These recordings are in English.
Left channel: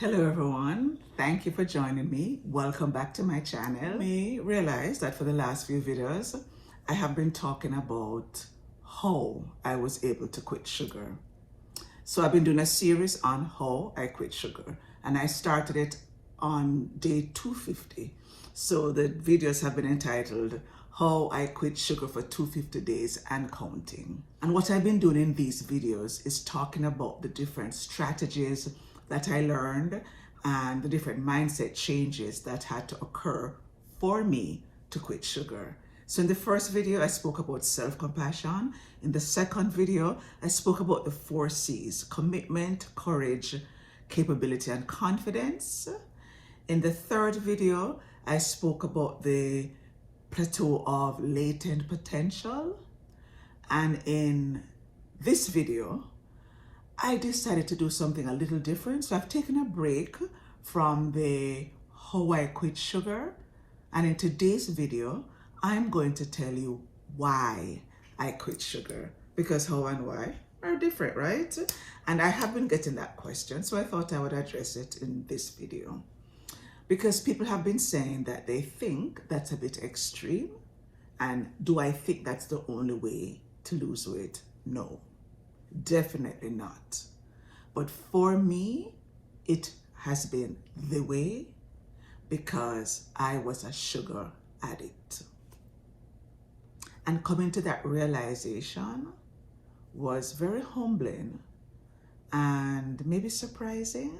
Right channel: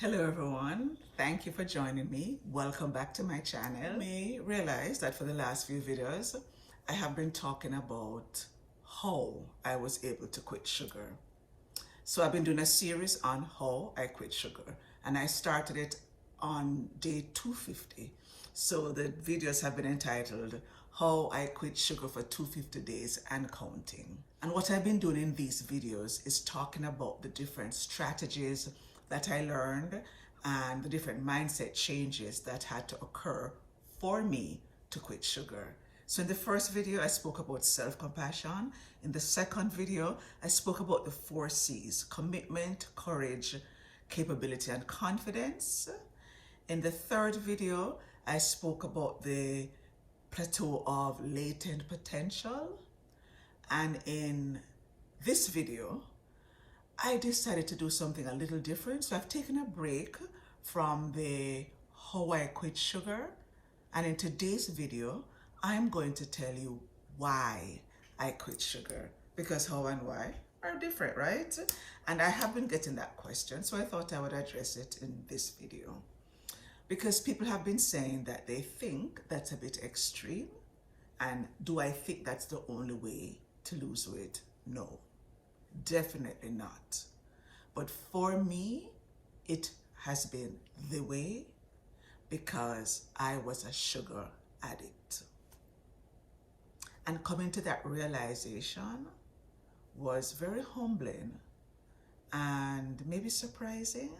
Hello everyone, thank you for joining me. Welcome back to my channel. You may realize that for the last few videos, I have been talking about how I was able to quit sugar. So I've been doing a series on how I quit sugar, and I started it on day 250. So the videos have been entitled How I Quit Sugar for 250 Days and Counting. And what I've been doing in these videos is talking about the different strategies that I learned and the different mindset changes that had to occur for me to quit sugar. So in the first video, I spoke about self-compassion. In the second video, I spoke about the 4 C's: commitment, courage, capability, and confidence. In the third video, I spoke about the plateau of latent potential. And in this video, I decided to do something a little different. So I've taken a break from the how I quit sugar. And in today's video, I'm going to tell you why I quit sugar. Because how and why are different, right? And I have been getting that question, so I thought I would address it in this video. Because people have been saying that they think that's a bit extreme. And do I think that's the only way to lose weight? No. Definitely not. But for me, it has been the way because I was a sugar addict. And coming to that realization was very humbling and maybe surprising,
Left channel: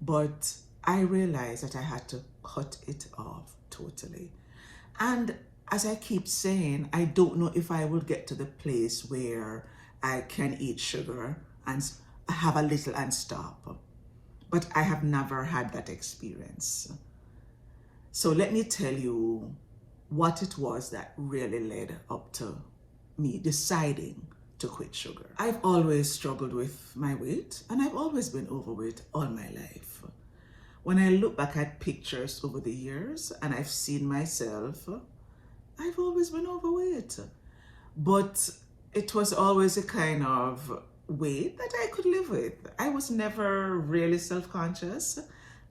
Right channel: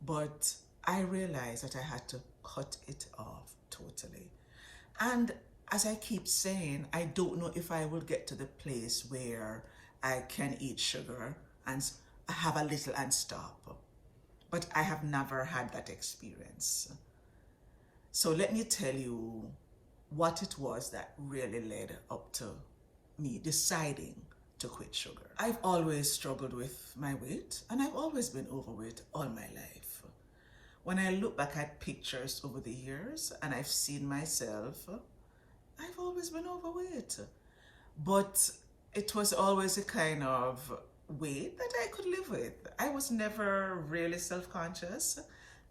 but I realized that I had to cut it off totally. And as I keep saying, I don't know if I will get to the place where I can eat sugar and have a little and stop. But I have never had that experience. So let me tell you what it was that really led up to me deciding to quit sugar. I've always struggled with my weight, and I've always been overweight all my life. When I look back at pictures over the years and I've seen myself, I've always been overweight. But it was always a kind of weight that I could live with. I was never really self-conscious,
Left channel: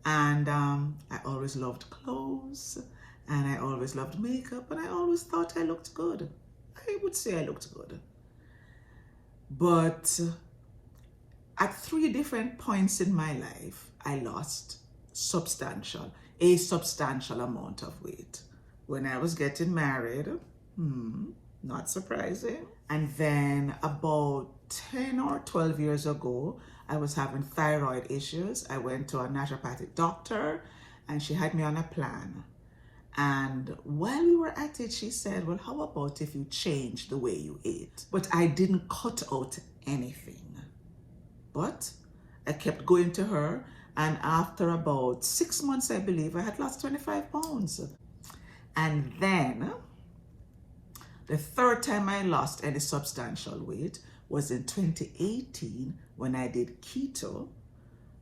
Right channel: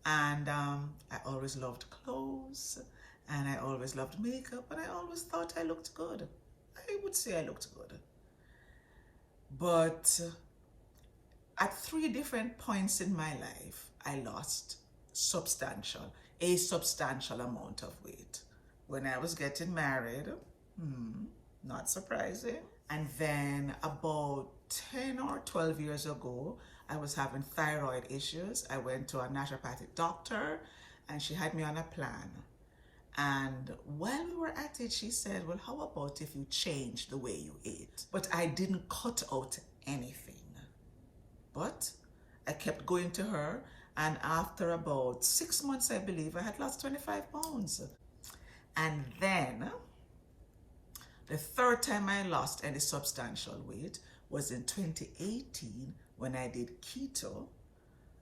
and I always loved clothes, and I always loved makeup, and I always thought I looked good. I would say I looked good. But at 3 different points in my life, I lost a substantial amount of weight. When I was getting married, not surprising. And then about 10 or 12 years ago, I was having thyroid issues. I went to a naturopathic doctor and she had me on a plan. And while we were at it, she said, well, how about if you change the way you ate? But I didn't cut out anything. But I kept going to her. And after about 6 months, I believe, I had lost 25 pounds. And then the third time I lost any substantial weight was in 2018 when I did keto.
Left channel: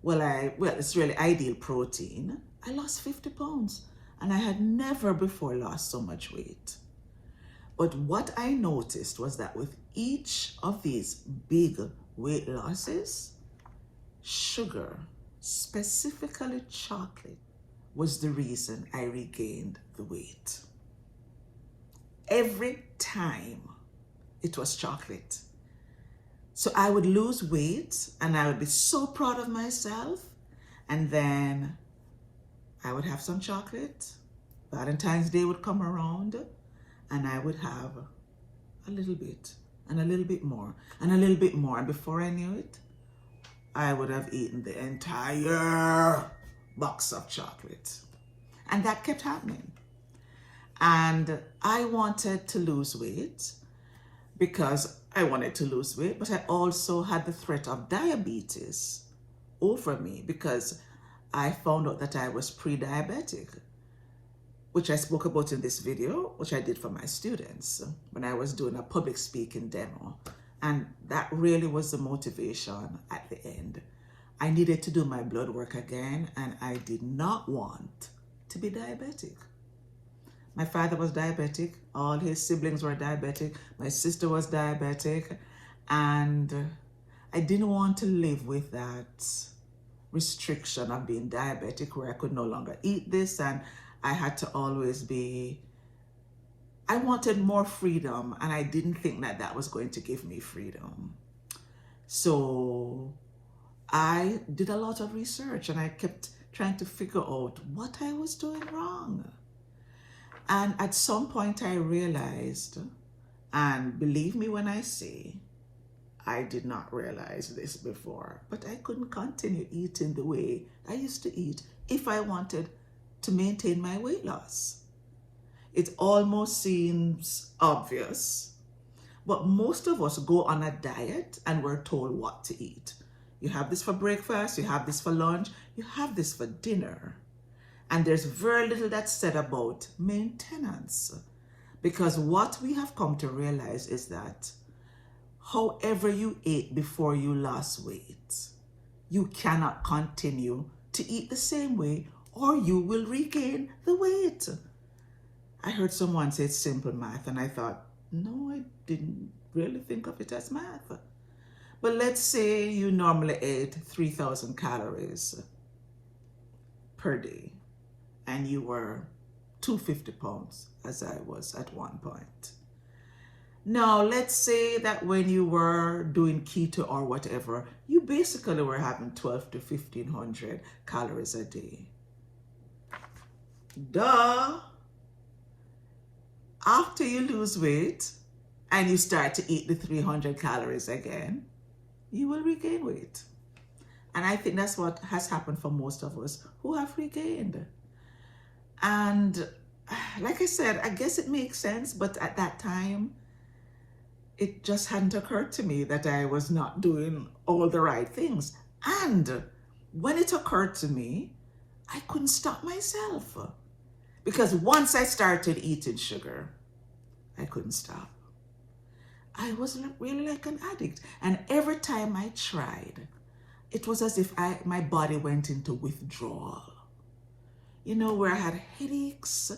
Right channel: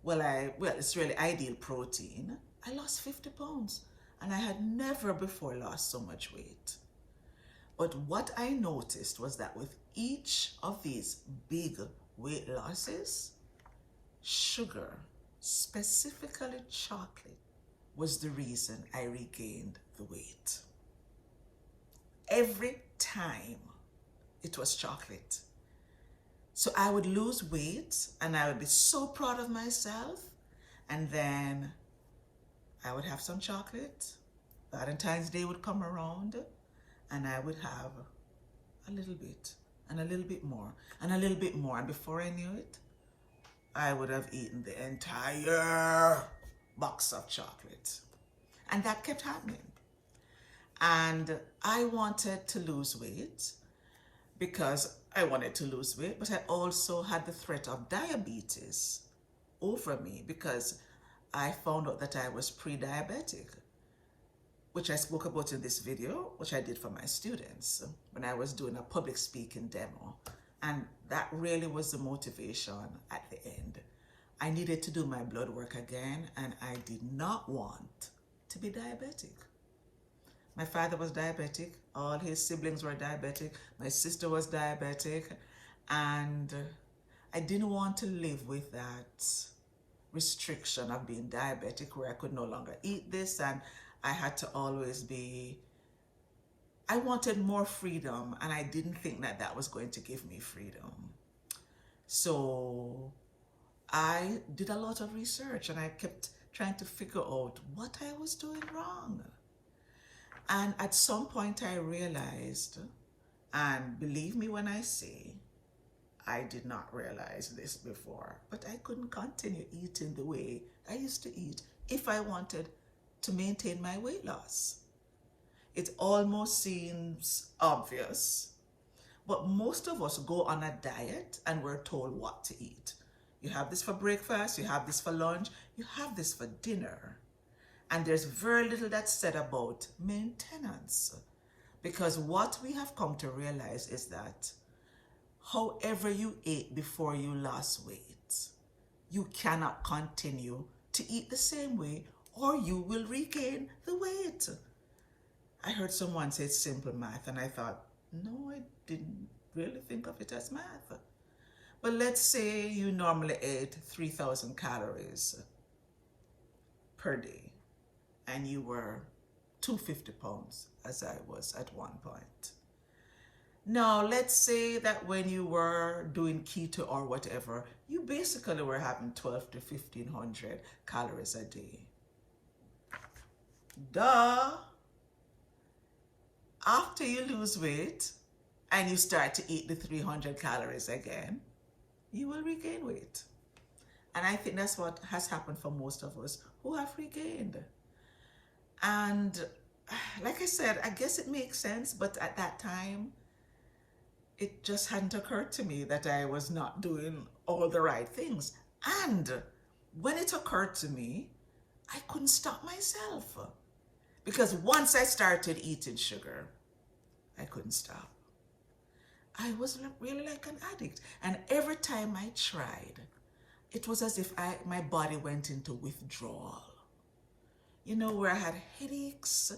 Well, it's really ideal protein. I lost 50 pounds and I had never before lost so much weight. But what I noticed was that with each of these big weight losses, sugar, specifically chocolate, was the reason I regained the weight. Every time it was chocolate. So I would lose weight and I would be so proud of myself. And then I would have some chocolate. Valentine's Day would come around and I would have a little bit and a little bit more and a little bit more. And before I knew it, I would have eaten the entire box of chocolate. And that kept happening. And I wanted to lose weight because I wanted to lose weight, but I also had the threat of diabetes over me because I found out that I was pre-diabetic, which I spoke about in this video, which I did for my students when I was doing a public speaking demo. And that really was the motivation at the end. I needed to do my blood work again, and I did not want to be diabetic. My father was diabetic, all his siblings were diabetic, my sister was diabetic, and I didn't want to live with that restriction of being diabetic where I could no longer eat this, and I had to always be, I wanted more freedom, and I didn't think that that was going to give me freedom. So I did a lot of research, and I kept trying to figure out what I was doing wrong. And at some point I realized, and believe me when I say, I did not realize this before, but I couldn't continue eating the way I used to eat if I wanted to maintain my weight loss. It almost seems obvious, but most of us go on a diet and we're told what to eat. You have this for breakfast, you have this for lunch, you have this for dinner. And there's very little that's said about maintenance. Because what we have come to realize is that however you ate before you lost weight, you cannot continue to eat the same way or you will regain the weight. I heard someone say it's simple math, and I thought, no, I didn't really think of it as math. But let's say you normally ate 3,000 calories per day and you were 250 pounds, as I was at one point. Now, let's say that when you were doing keto or whatever, you basically were having 12 to 1,500 calories a day. Duh! After you lose weight and you start to eat the 300 calories again, you will regain weight. And I think that's what has happened for most of us who have regained. And like I said, I guess it makes sense, but at that time, it just hadn't occurred to me that I was not doing all the right things. And when it occurred to me, I couldn't stop myself. Because once I started eating sugar, I couldn't stop. I was really like an addict. And every time I tried, it was as if my body went into withdrawal. You know, where I had headaches,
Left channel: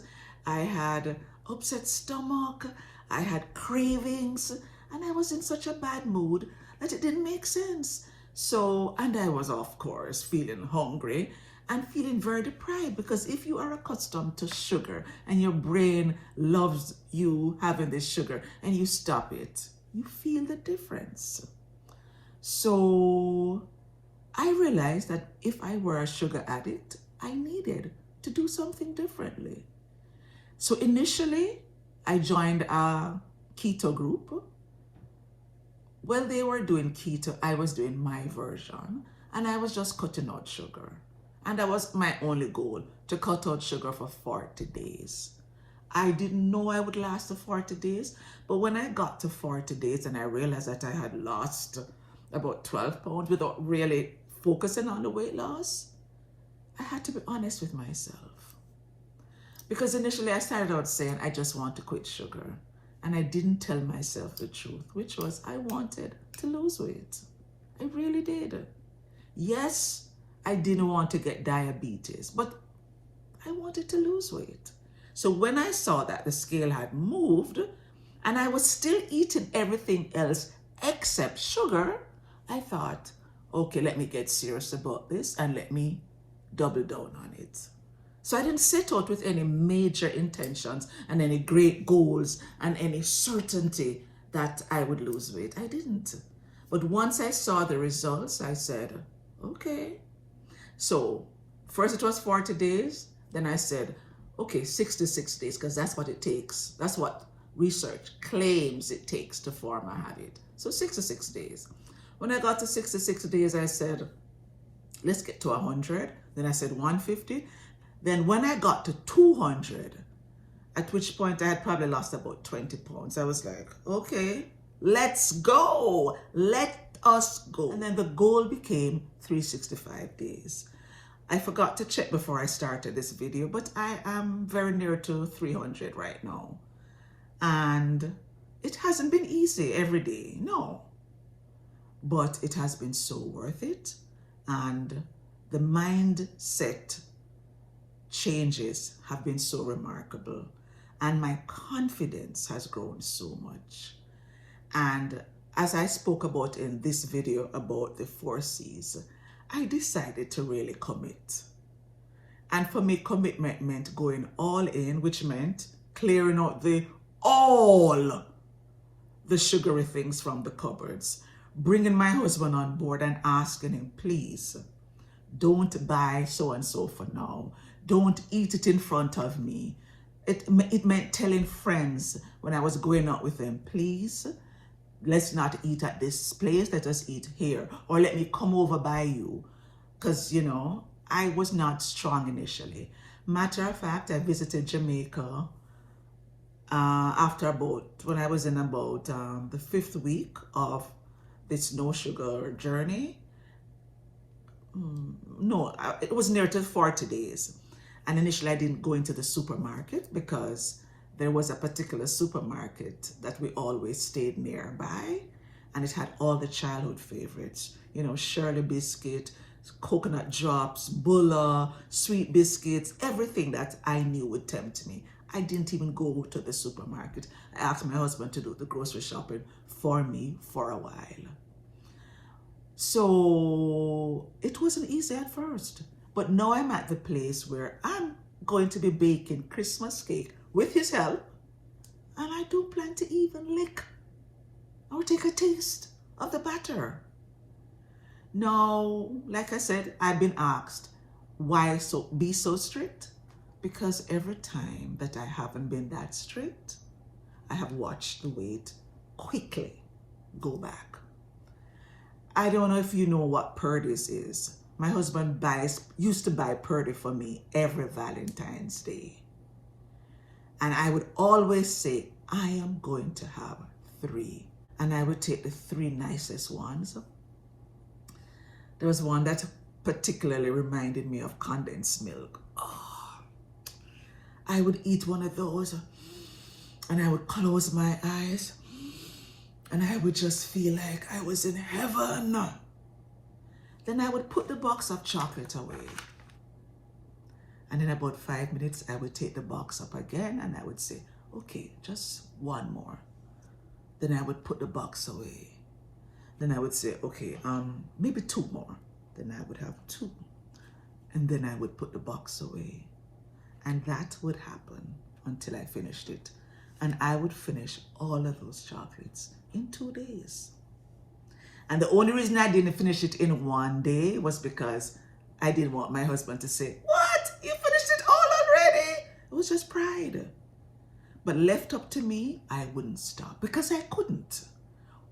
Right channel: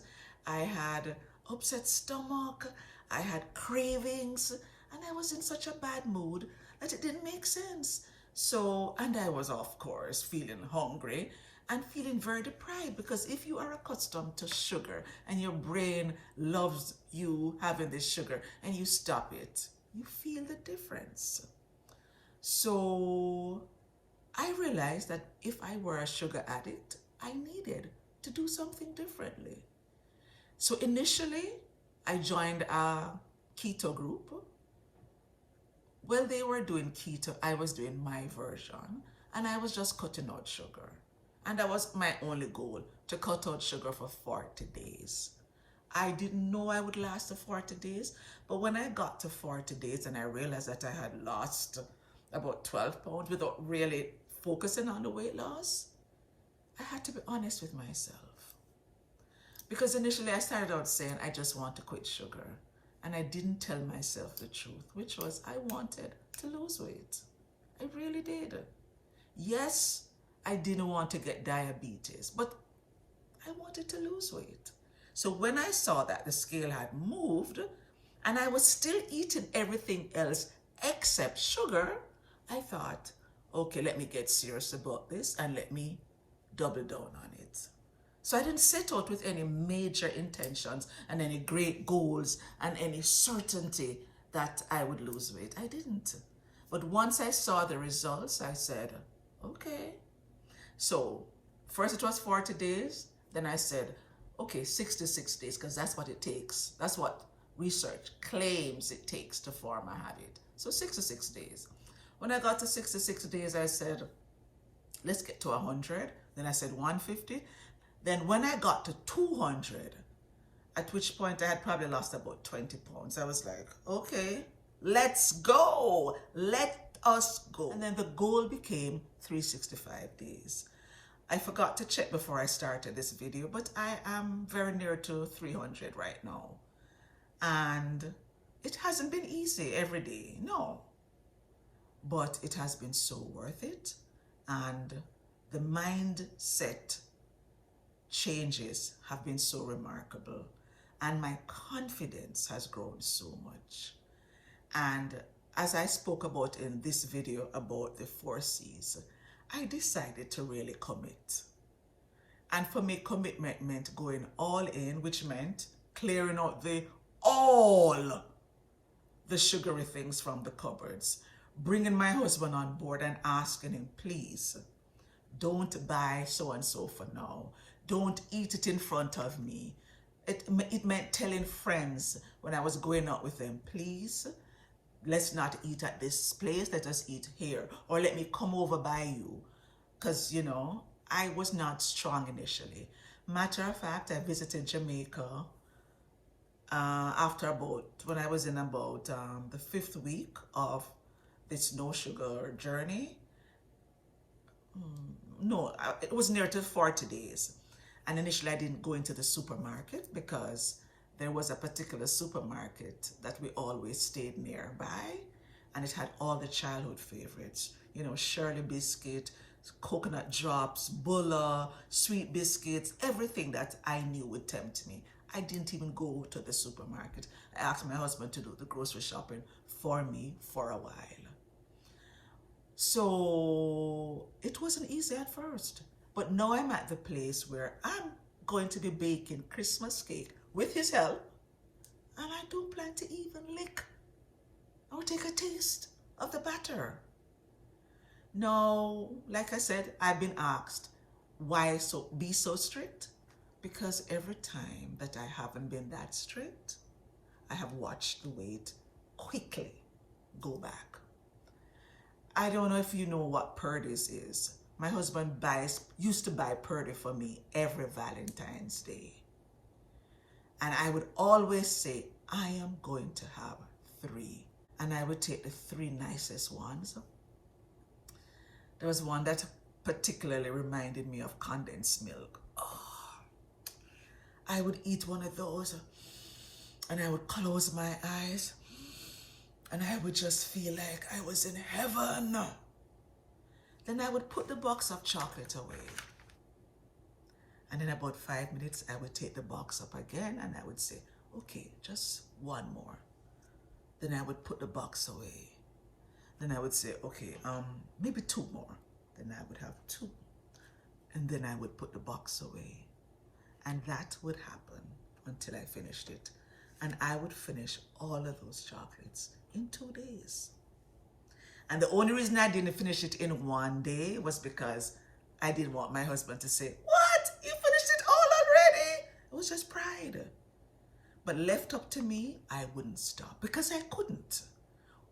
I had upset stomach, I had cravings, and I was in such a bad mood that it didn't make sense. So, and I was, of course, feeling hungry and feeling very deprived, because if you are accustomed to sugar and your brain loves you having this sugar and you stop it, you feel the difference. So I realized that if I were a sugar addict, I needed to do something differently. So initially, I joined a keto group. Well, they were doing keto, I was doing my version, and I was just cutting out sugar. And that was my only goal, to cut out sugar for 40 days. I didn't know I would last the 40 days, but when I got to 40 days and I realized that I had lost about 12 pounds without really focusing on the weight loss, I had to be honest with myself. Because initially I started out saying, I just want to quit sugar. And I didn't tell myself the truth, which was I wanted to lose weight. I really did. Yes, I didn't want to get diabetes, but I wanted to lose weight. So when I saw that the scale had moved and I was still eating everything else except sugar, I thought, okay, let me get serious about this and let me double down on it. So I didn't set out with any major intentions and any great goals and any certainty that I would lose weight. I didn't. But once I saw the results, I said, okay. So first it was 40 days. Then I said, okay, 66 days, because that's what it takes. That's what research claims it takes to form a habit. So 66 days. When I got to 66 days, I said, let's get to 100. Then I said 150. Then when I got to 200, at which point I had probably lost about 20 pounds, I was like, okay, let's go. Let us go. And then the goal became 365 days. I forgot to check before I started this video, but I am very near to 300 right now. And it hasn't been easy every day, no. But it has been so worth it. And the mindset changes have been so remarkable. And my confidence has grown so much. And as I spoke about in this video about the 4 C's, I decided to really commit. And for me, commitment meant going all in, which meant clearing out all the sugary things from the cupboards, bringing my husband on board and asking him, please, don't buy so-and-so for now. Don't eat it in front of me. It meant telling friends when I was going out with them, please, let's not eat at this place, let us eat here. Or let me come over by you. Because, you know, I was not strong initially. Matter of fact, I visited Jamaica when I was in about the 5th week of this no sugar journey. It was near to 40 days. And initially I didn't go into the supermarket because there was a particular supermarket that we always stayed nearby, and it had all the childhood favorites, you know, Shirley biscuit, coconut drops, bulla, sweet biscuits, everything that I knew would tempt me. I didn't even go to the supermarket. I asked my husband to do the grocery shopping for me for a while. So it wasn't easy at first, but now I'm at the place where I'm going to be baking Christmas cake with his help, and I don't plan to even lick or take a taste of the batter. Now, like I said, I've been asked, why be so strict? Because every time that I haven't been that strict, I have watched the weight quickly go back. I don't know if you know what Purdy's is. My husband used to buy Purdy for me every Valentine's Day. And I would always say, I am going to have 3. And I would take the 3 nicest ones. There was one that particularly reminded me of condensed milk. Oh, I would eat one of those and I would close my eyes and I would just feel like I was in heaven. Then I would put the box of chocolate away. And in about 5 minutes, I would take the box up again and I would say, okay, just one more. Then I would put the box away. Then I would say, okay, maybe 2 more. Then I would have 2. And then I would put the box away. And that would happen until I finished it. And I would finish all of those chocolates in 2 days. And the only reason I didn't finish it in 1 day was because I didn't want my husband to say, what? You finished it all already? It was just pride. But left up to me, I wouldn't stop because I couldn't.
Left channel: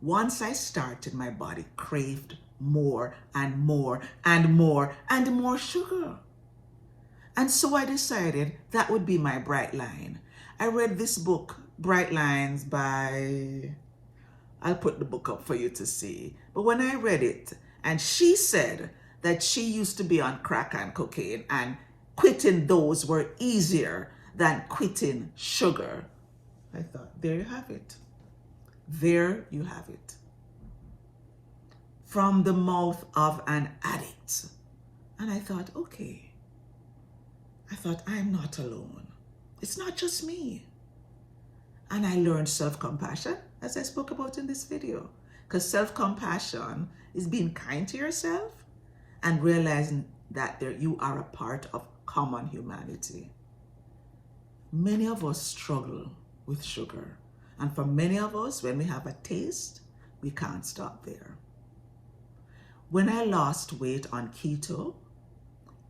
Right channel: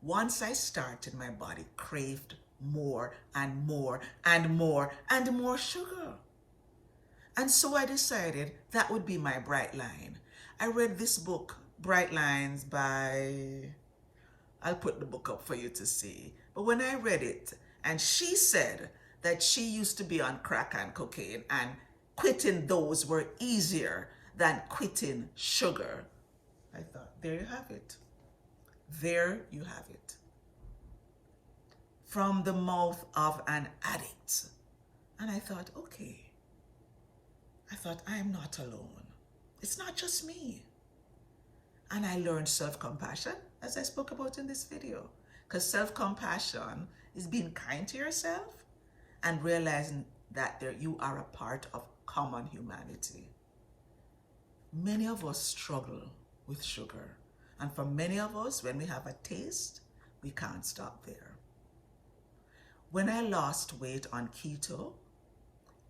Once I started, my body craved more and more and more and more sugar. And so I decided that would be my bright line. I read this book, Bright Lines, by, I'll put the book up for you to see. But when I read it, and she said that she used to be on crack and cocaine and quitting those were easier than quitting sugar, I thought, there you have it. There you have it. From the mouth of an addict. And I thought, okay. I thought, I'm not alone. It's not just me. And I learned self-compassion, as I spoke about in this video. Because self-compassion is being kind to yourself and realizing that you are a part of common humanity. Many of us struggle with sugar. And for many of us, when we have a taste, we can't stop there. When I lost weight on keto,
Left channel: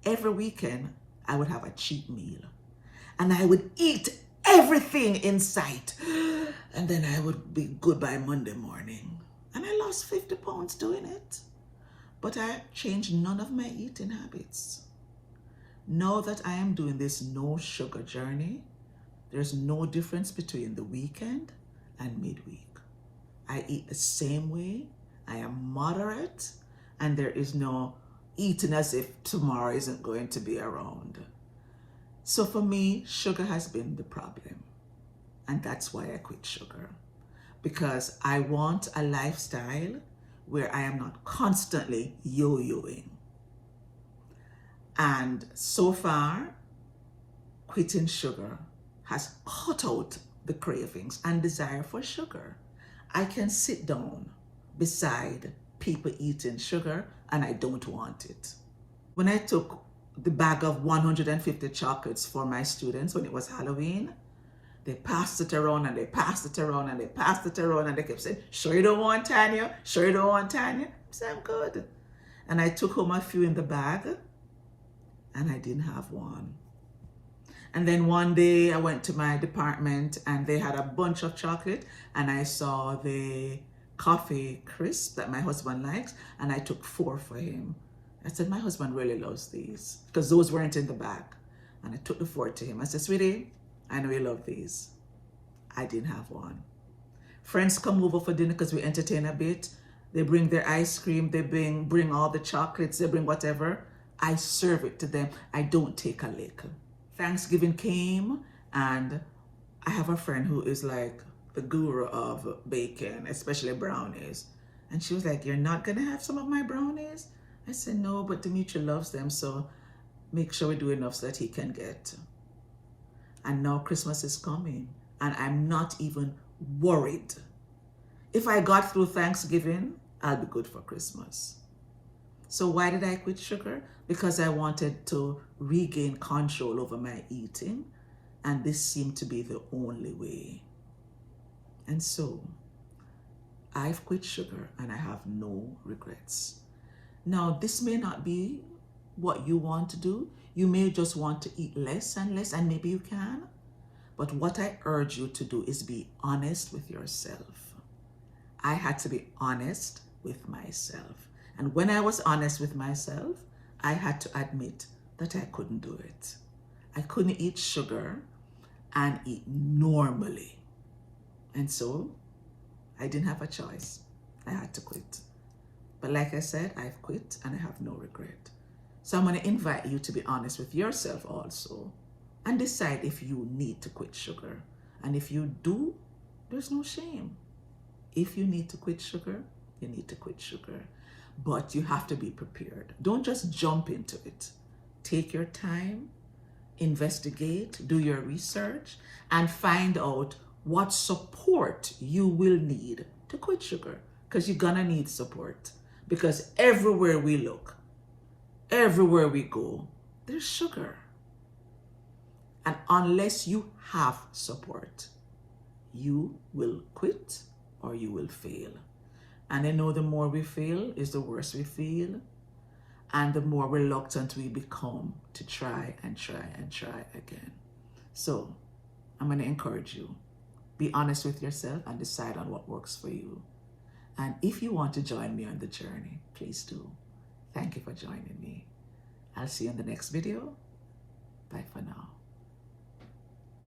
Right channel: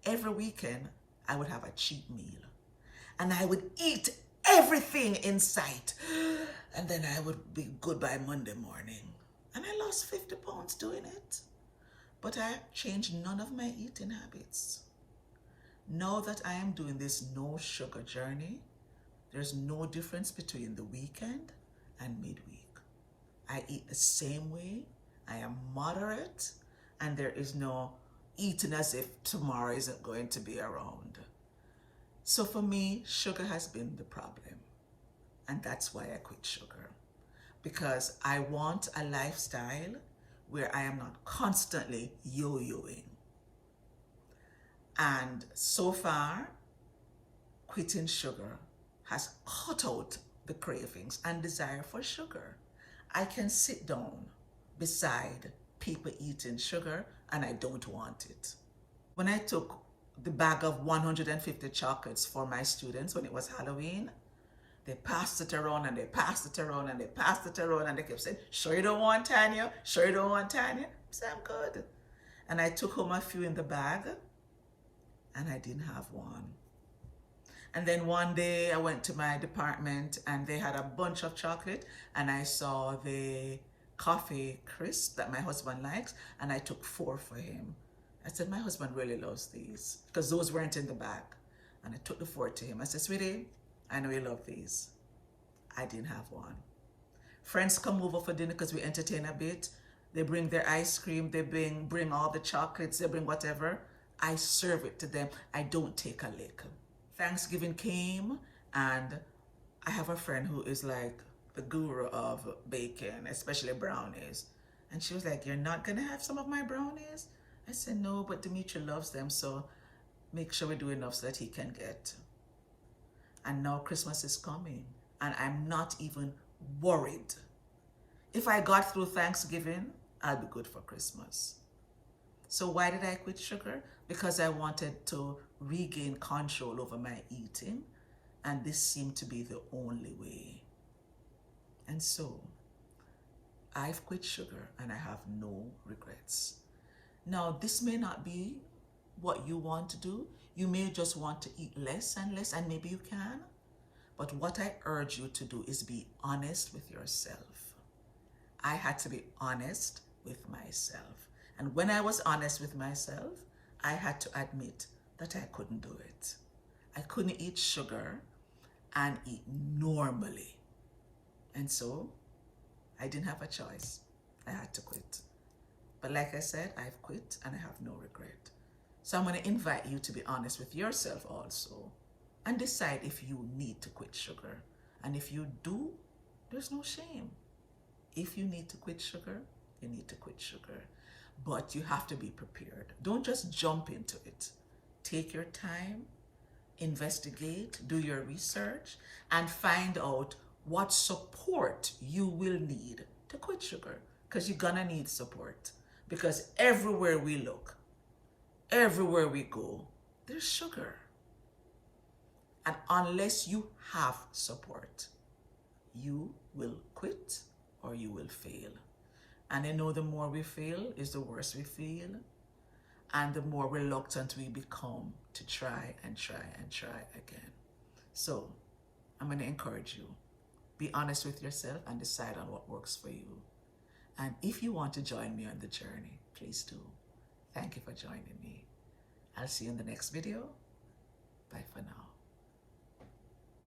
every weekend I would have a cheat meal. And I would eat everything in sight. And then I would be good by Monday morning. And I lost 50 pounds doing it. But I changed none of my eating habits. Now that I am doing this no sugar journey, there's no difference between the weekend and midweek. I eat the same way. I am moderate. And there is no eating as if tomorrow isn't going to be around. So for me, sugar has been the problem. And that's why I quit sugar. Because I want a lifestyle where I am not constantly yo-yoing. And so far, quitting sugar has cut out the cravings and desire for sugar. I can sit down beside people eating sugar, and I don't want it. When I took the bag of 150 chocolates for my students when it was Halloween, they passed it around and they passed it around and they passed it around and they kept saying, sure you don't want Tanya? Sure you don't want Tanya? I said, I'm good. And I took home a few in the bag and I didn't have one. And then one day I went to my department and they had a bunch of chocolate and I saw the coffee crisp that my husband likes and I took 4 for him. I said, my husband really loves these because those weren't in the bag. And I took the 4 to him. I said, sweetie, I know you love these. I didn't have one. Friends come over for dinner because we entertain a bit. They bring their ice cream. They bring all the chocolates. They bring whatever. I serve it to them. I don't take a lick. Thanksgiving came and I have a friend who is like the guru of baking, especially brownies. And she was like, you're not going to have some of my brownies? I said, no, but Dimitri loves them. So make sure we do enough so that he can get. And now Christmas is coming and I'm not even worried. If I got through Thanksgiving, I'll be good for Christmas. So why did I quit sugar? Because I wanted to regain control over my eating, and this seemed to be the only way. And so I've quit sugar and I have no regrets. Now, this may not be what you want to do. You may just want to eat less and less, and maybe you can. But what I urge you to do is be honest with yourself. I had to be honest with myself. And when I was honest with myself, I had to admit that I couldn't do it. I couldn't eat sugar and eat normally. And so I didn't have a choice. I had to quit. But like I said, I've quit and I have no regret. So I'm going to invite you to be honest with yourself also and decide if you need to quit sugar. And if you do, there's no shame. If you need to quit sugar, you need to quit sugar. But you have to be prepared. Don't just jump into it. Take your time, investigate, do your research, and find out what support you will need to quit sugar. Because you're gonna need support. Because everywhere we look, everywhere we go, there's sugar. And unless you have support, you will quit or you will fail. And I know the more we fail is the worse we feel. And the more reluctant we become to try and try and try again. So I'm going to encourage you. Be honest with yourself and decide on what works for you. And if you want to join me on the journey, please do. Thank you for joining me. I'll see you in the next video.